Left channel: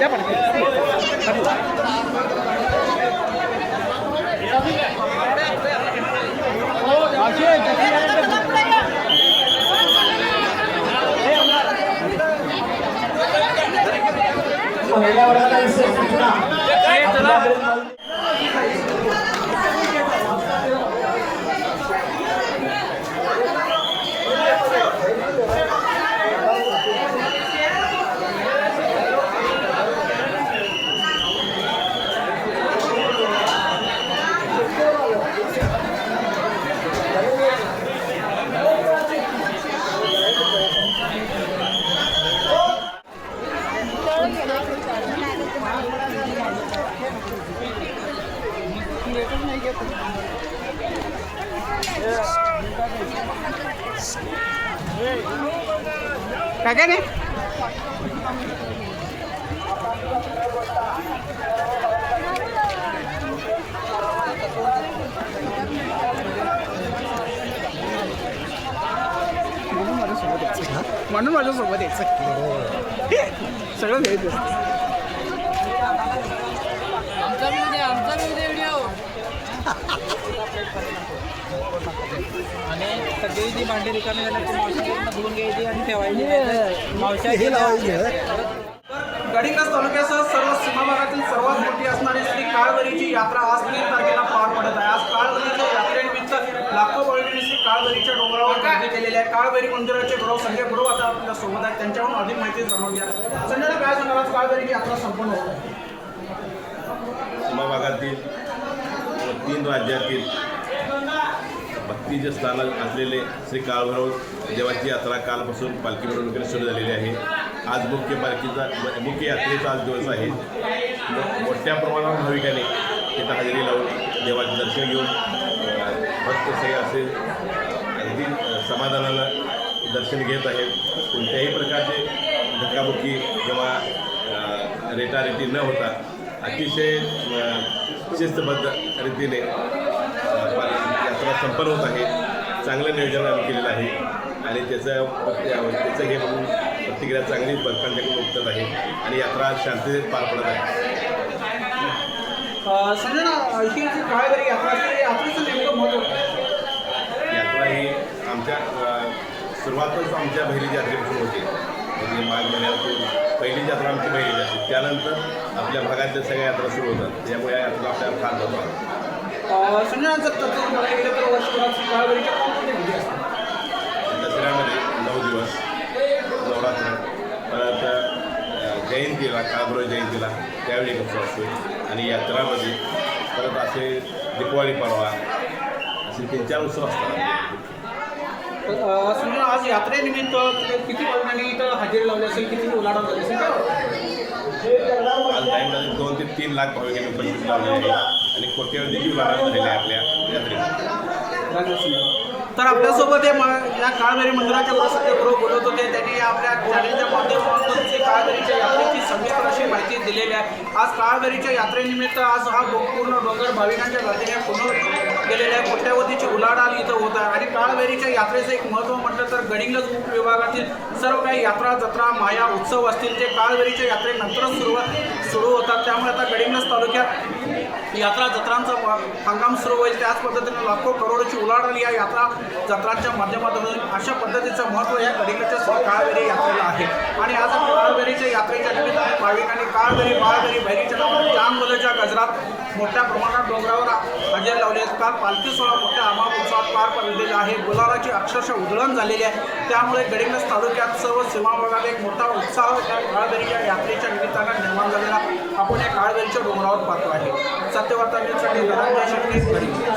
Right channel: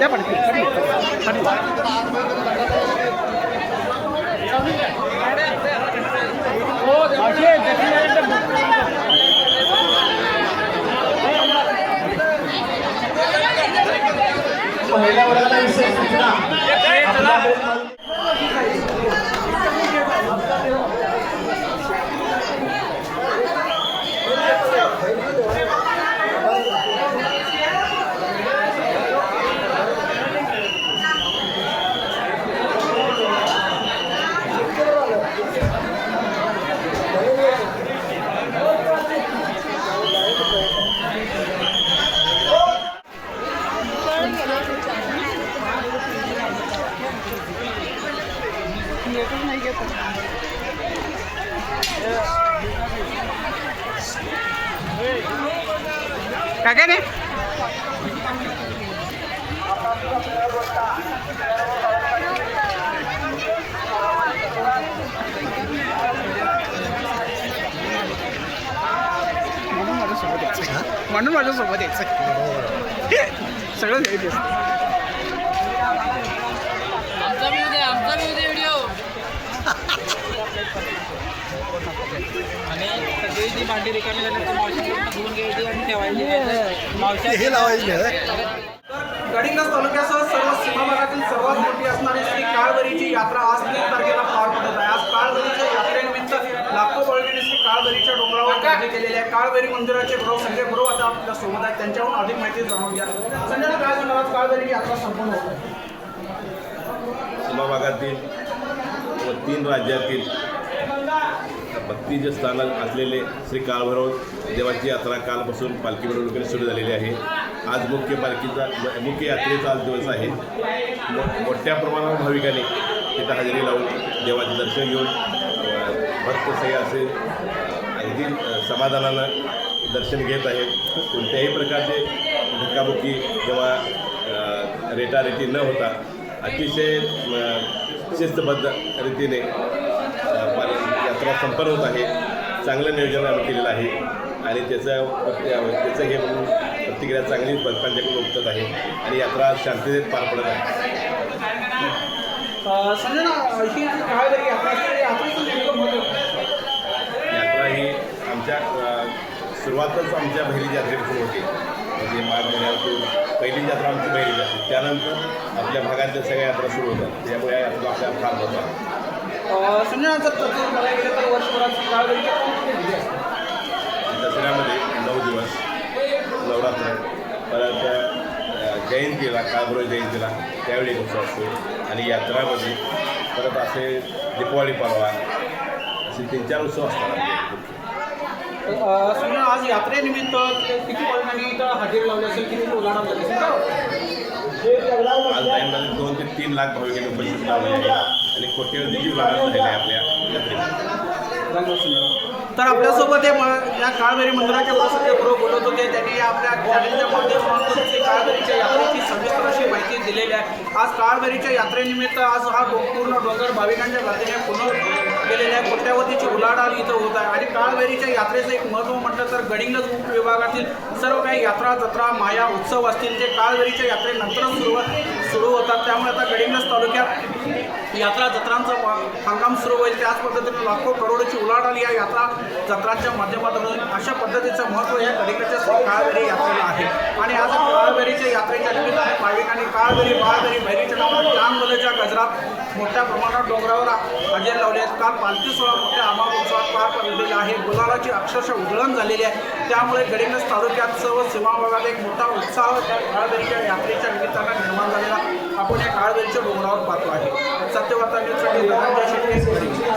त्या पडते पहिल्या वर्गाचा विषय काय रे म्हणून माझ्यासोबत यायचं सगळं घ्यायचं असतं. सगळी जी भांडी रिकामी धुवून घ्यायची आणि ठेवायची हे लावायची. गडिंग्लज तालुक्यासह सर्व सीमा भागातील सर्वात मोठी असणारी श्री काळभैरीची यात्रा आज 3 तारखेला पार पडत आहे. आज काळभैरीच्या यात्रेनिमित्त लाखो भाविकांनी श्री काळभैरीच्या डोंगरावर गर्दी केलेली आहे. काळभैरी मंदिराचे गुरु संजय गुरु आता आपल्या सोबत आहेत, त्यांच्याहून अधिक माहिती जाणून घ्या. संजय काय सांगाल, आज काळभैरीची यात्रा संपन्न होत आहे. सीमा भागातील व 3 राज्यातील भक्तीचे स्थान असलेले श्री काळभैरव देवाची यात्रा कालपासून पालखी मिरवणुकीने सुरू झालेली आहे. आज मुख्य यात्रेचा आज दिवस आहे. मोठ्या प्रमाणावर भाविकांनी तिथं हजेरी लावून देवाचे दर्शन घेऊन भक्त सगळे असे अगदी समाधानानं दर्शन घेत आहेत. कोणत्याही प्रकारचे धक्काबुक्की किंवा रेटारेटी न होता अतिशय शिस्तबद्ध रीतीने यात्रा संपन्न होत आहे. चांगलं नियोजन आम्ही केलेलं आहे आणि त्याचं हे म्हणून प्रतिक्रिया चांगली भक्तांच्याकडून उठत आहे आणि यात्रा शांततेत पार पडत आहे. संजय ना, ही जी काळभैरी यात्रा असते यात्रेचं नेमकं महत्त्व. यात्रा ही आमच्या सुरुवातच आमच्या बहिरीची यात्रेपासून होते. म्हणजे माघ महिन्यातून पहिली यात्रा आमची बहिरीची असते, त्यानंतर आपल्या भागातल्या सगळ्या यात्रा सुरू होतात. त्यामुळे या यात्रा आपल्या फार महत्त्व आहे. संजय जर तसं बघायला गेलं तर वर्षभरात श्री काळभैरीच्या कोणकोणते विधी असतात. दसऱ्यामध्ये 9 दिवस नवरात्र, परत जयंतीला काळभैरव जयंतीला त्यावेळी एक उत्सव असतो आणि यात्रामध्ये परत असे दीपावली परवा असे 3-4 उत्सव असतात आपले. समजा आज यात्रेनिमित्त किती भाविकांनी इथं हजेरी लावली असेल, किती उलाढाल झाली असेल, काय वाटतं? आज टाईममध्ये 2 ते 3 लाख भाविकांनी उपस्थित लावले आहे आणि कोट्यवधीची उलाढाल झालेली आहे आपल्या यात्रेमध्ये. तर आपल्यासोबत या काळभैरी मंदिराचे संजय गुरु बोलत होते. त्यांनी आपल्या चॅनलच्या माध्यमातून श्री काळभैरीच्या यात्रेची सविस्तर अशी माहिती दिलेली आहे. आज काळभैरीच्या यात्रेनिमित्त आज हा पूर्ण डोंगर भाविकांच्या गर्दीने पूर्ण गेलेले आहे. कोट्यावधीची उलाढाल इथं होत आहे आणि काळभैरीच्या यात्रेचं एक महत्त्व म्हटलं तर गडिंग्लज उपविभागातील सर्व काही यात्रा जत्रा माया उत्सव असतील ते काळभैरीच्या यात्रेनंतरच सुरू होतात. त्यामुळे आता गडिंग्लज तालुक्यात यात्रा जत्रांचा हंगाम सुरू होईल. त्याच पद्धतीने लाखो करोडोची उलाढाल या यात्रा जत्रांच्या माध्यमातून अशा पद्धतीचं महत्त्व या गडिंग्लजच्या श्री काळभैरी यात्रेला आहे. आणि आज काळभैरीच्या यात्रेच्या निमित्ताने भाविकांनी काळभैरी बाळभैरी भैरीच्या नावानं चांगवल्याच्या गजरात मोठ्या प्रमाणात डोंगरावर हजेरी लावली आहेत. काल पालखी सोहळा मोठ्या अमाप उत्सवात पार पडलेला आहे. गुलालाची अक्षरशः उधळण झालेली आहे. त्यामुळे गडिंग्लज तालुक्यात सर्व सीमा भागात एक मोठा उत्साह त्या काळभैरीच्या यात्रेच्या निमित्तानं निर्माण झालेला आपण या काळभैरीच्या डोंगरावर पाहतो आहे. सत्यवार्ता न्यूजसाठी धनंजय शेट्टे, गडिंग्लज.